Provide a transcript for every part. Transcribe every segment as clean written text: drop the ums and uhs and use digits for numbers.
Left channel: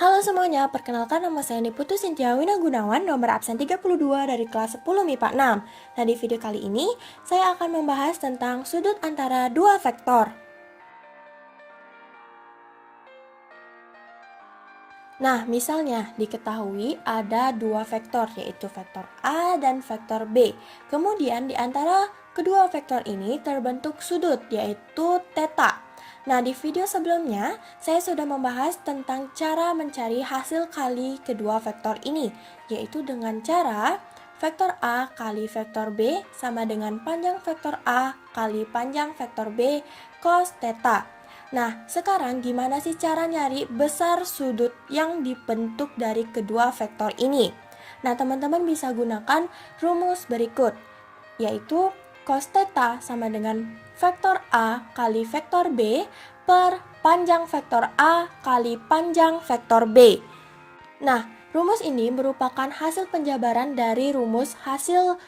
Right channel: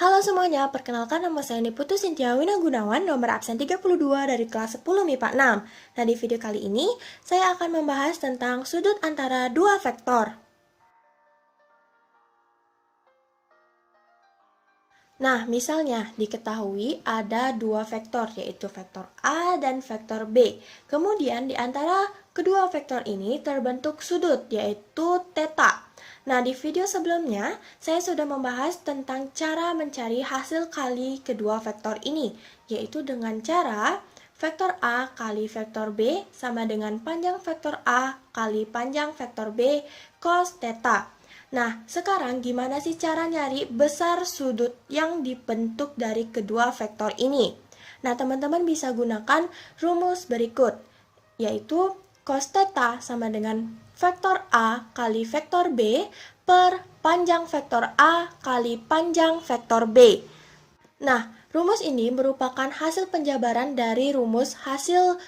Halo semuanya, perkenalkan nama saya Niputu Sintia Wina Gunawan, nomor absen 32 dari kelas 10 MIPA 6. Nah, di video kali ini, saya akan membahas tentang sudut antara dua vektor. Nah, misalnya diketahui ada dua vektor, yaitu vektor A dan vektor B. Kemudian di antara kedua vektor ini terbentuk sudut, yaitu theta. Nah, di video sebelumnya, saya sudah membahas tentang cara mencari hasil kali kedua vektor ini, yaitu dengan cara vektor A kali vektor B sama dengan panjang vektor A kali panjang vektor B cos theta. Nah, sekarang gimana sih cara nyari besar sudut yang dibentuk dari kedua vektor ini? Nah, teman-teman bisa gunakan rumus berikut, yaitu cos theta sama dengan vektor A kali vektor B per panjang vektor A kali panjang vektor B. Nah, rumus ini merupakan hasil penjabaran dari rumus hasil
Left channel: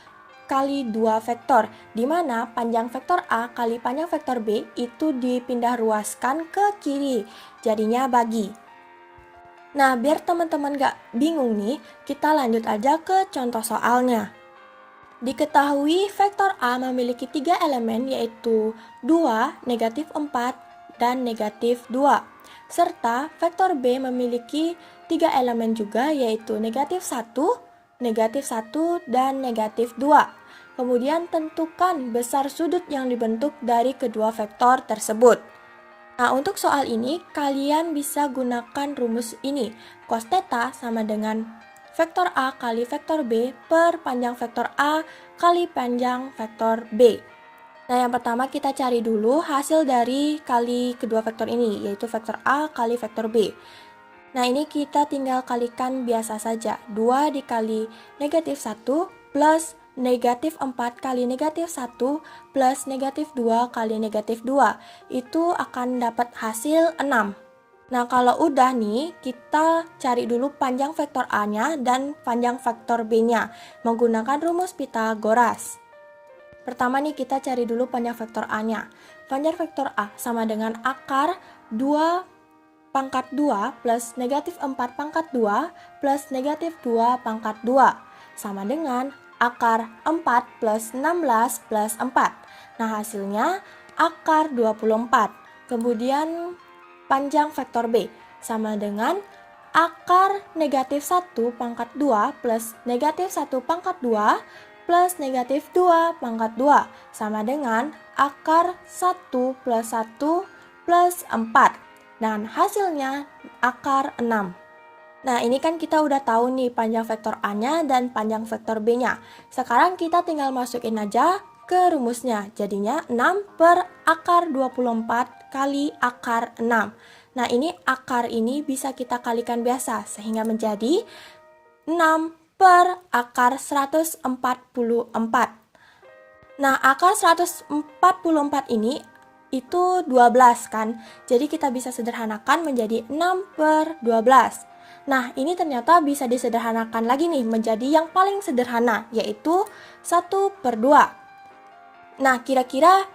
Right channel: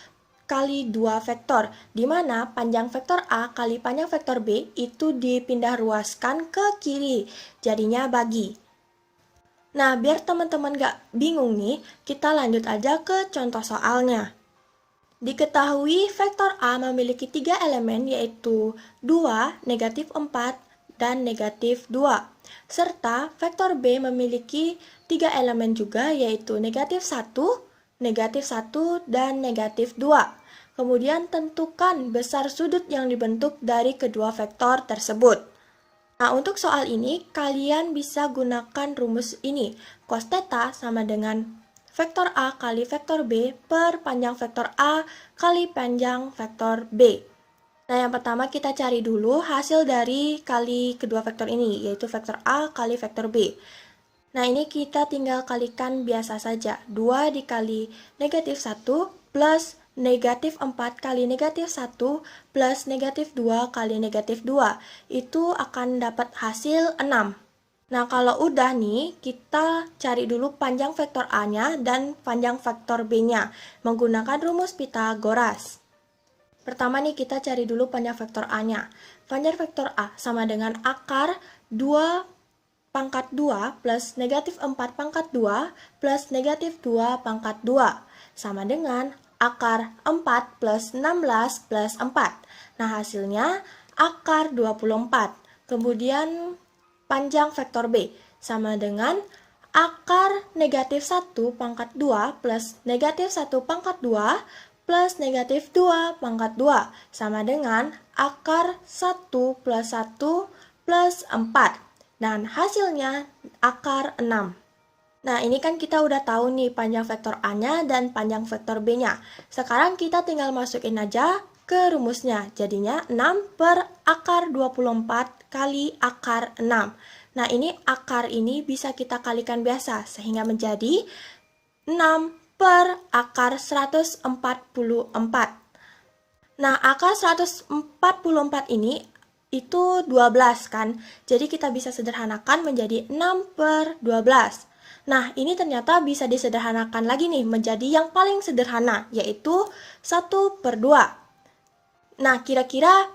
kali dua vektor, di mana panjang vektor A kali panjang vektor B itu dipindah ruaskan ke kiri, jadinya bagi. Nah, biar teman-teman gak bingung nih, kita lanjut aja ke contoh soalnya. Diketahui vektor A memiliki 3 elemen, yaitu 2, negatif 4, dan negatif 2. Serta vektor B memiliki 3 elemen juga, yaitu negatif 1, negatif 1, dan negatif 2. Kemudian tentukan besar sudut yang dibentuk dari kedua vektor tersebut. Nah, untuk soal ini, kalian bisa gunakan rumus ini. Cos theta sama dengan vektor A kali vektor B per panjang vektor A kali panjang vektor B. Nah, yang pertama kita cari dulu hasil dari kali kedua vektor ini, yaitu vektor A kali vektor B. Nah, ini kita tinggal kalikan biasa saja. 2 dikali negatif 1 plus negatif 4 kali negatif 1 plus negatif 2 kali negatif 2. Itu akan dapat hasil 6. Nah, kalau udah nih, kita cari dulu panjang vektor A-nya dan panjang vektor B-nya menggunakan rumus Pythagoras. Pertama nih, kita cari dulu panjang vektor A-nya. Panjang vektor A sama dengan akar 2 pangkat 2 plus negatif 4 pangkat 2 plus negatif 2 pangkat 2 sama dengan akar 4 plus 16 plus 4. Nah, hasilnya akar 24. Kemudian panjang vektor B sama dengan akar negatif 1 pangkat 2 plus negatif 1 pangkat 2 plus negatif 2 pangkat 2 sama dengan akar 1 plus 1 plus 4. Dan hasilnya akar 6. Nah, ini kan kita udah tahu nih panjang vektor A-nya dan panjang vektor B-nya. Sekarang kita tinggal masukin aja ke rumusnya. Jadinya 6 per akar 24 kali akar 6. Nah, ini akar ini bisa kita kalikan biasa, sehingga menjadi 6 per akar 144. Nah, akar 144 ini itu 12 kan. Jadi kita bisa sederhanakan menjadi 6 per 12. Nah, ini ternyata bisa disederhanakan lagi nih menjadi yang paling sederhana, yaitu 1 per 2. Nah, kira-kira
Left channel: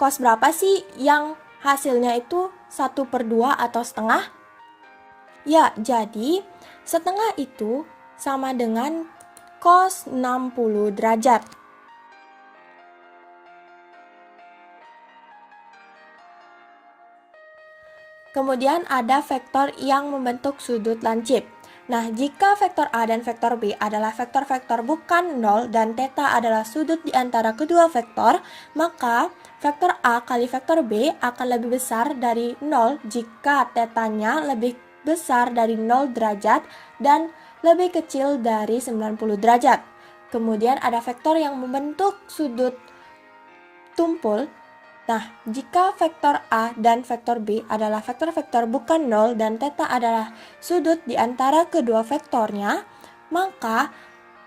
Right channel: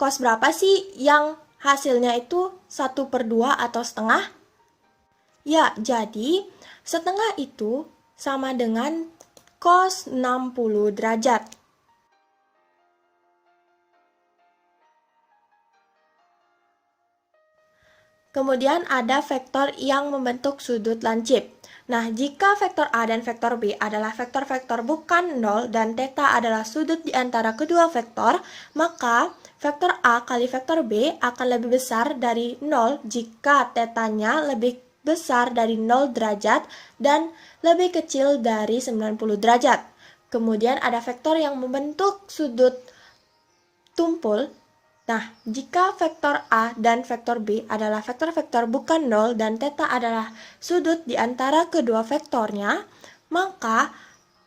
cos berapa sih yang hasilnya itu 1 per 2 atau setengah? Ya, jadi setengah itu sama dengan cos 60 derajat. Kemudian ada vektor yang membentuk sudut lancip. Nah, jika vektor A dan vektor B adalah vektor-vektor bukan 0 dan theta adalah sudut di antara kedua vektor, maka vektor A kali vektor B akan lebih besar dari 0 jika tetanya lebih besar dari 0 derajat dan lebih kecil dari 90 derajat. Kemudian ada vektor yang membentuk sudut tumpul. Nah, jika vektor A dan vektor B adalah vektor-vektor bukan 0 dan theta adalah sudut di antara kedua vektornya, maka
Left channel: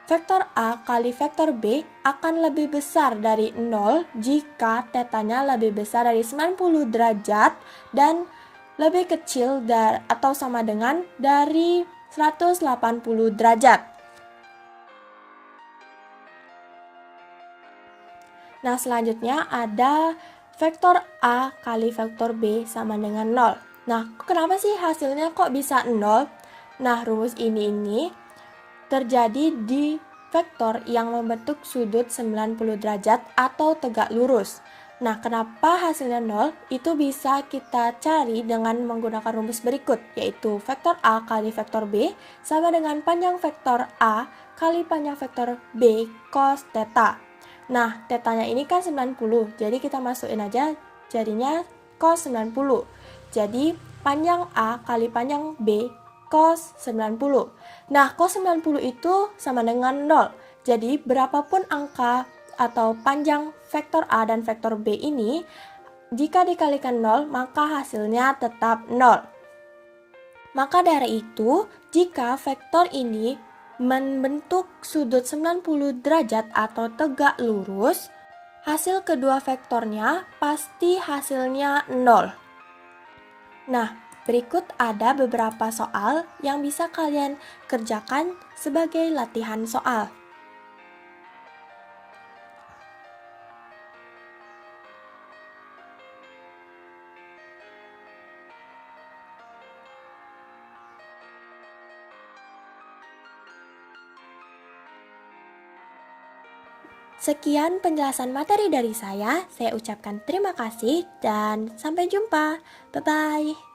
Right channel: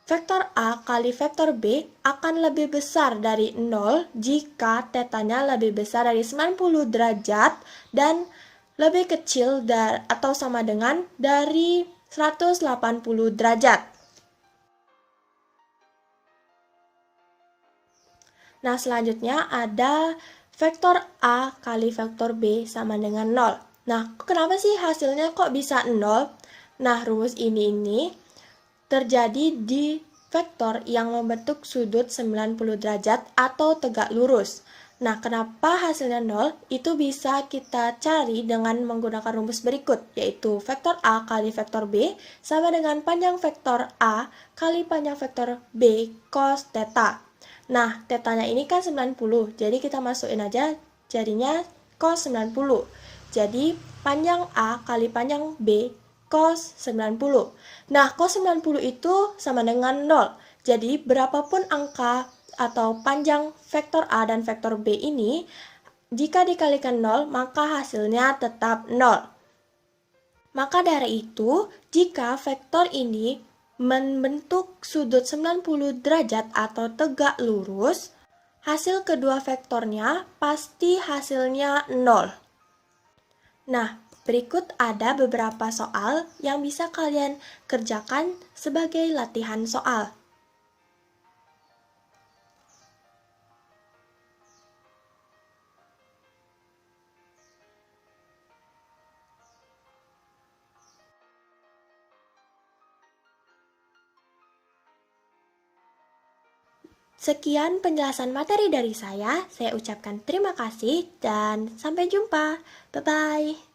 vektor A kali vektor B akan lebih besar dari 0 jika tetanya lebih besar dari 90 derajat dan lebih kecil atau sama dengan dari 180 derajat. Nah, selanjutnya ada vektor A kali vektor B sama dengan 0. Nah, kenapa sih hasilnya kok bisa 0? Nah, rumus ini terjadi di vektor yang membentuk sudut 90 derajat atau tegak lurus. Nah, kenapa hasilnya 0? Itu bisa kita cari dengan menggunakan rumus berikut, yaitu vektor A kali vektor B sama dengan panjang vektor A kali panjang vektor B cos theta. Nah, tetanya ini kan 90, jadi kita masukin aja jadinya cos 90. Jadi, panjang A kali panjang B cos 90. Nah, cos 90 itu sama dengan 0. Jadi, berapapun angka atau panjang vektor A dan vektor B ini, jika dikalikan 0, maka hasilnya tetap 0. Maka dari itu, jika vektor ini membentuk sudut 90 derajat atau tegak lurus, hasil kedua vektornya pasti hasilnya 0. Nah, berikut ada beberapa soal yang bisa kalian kerjakan sebagai latihan soal. Sekian penjelasan materi dari saya ucapkan terima kasih dan sampai jumpa. Bye-bye.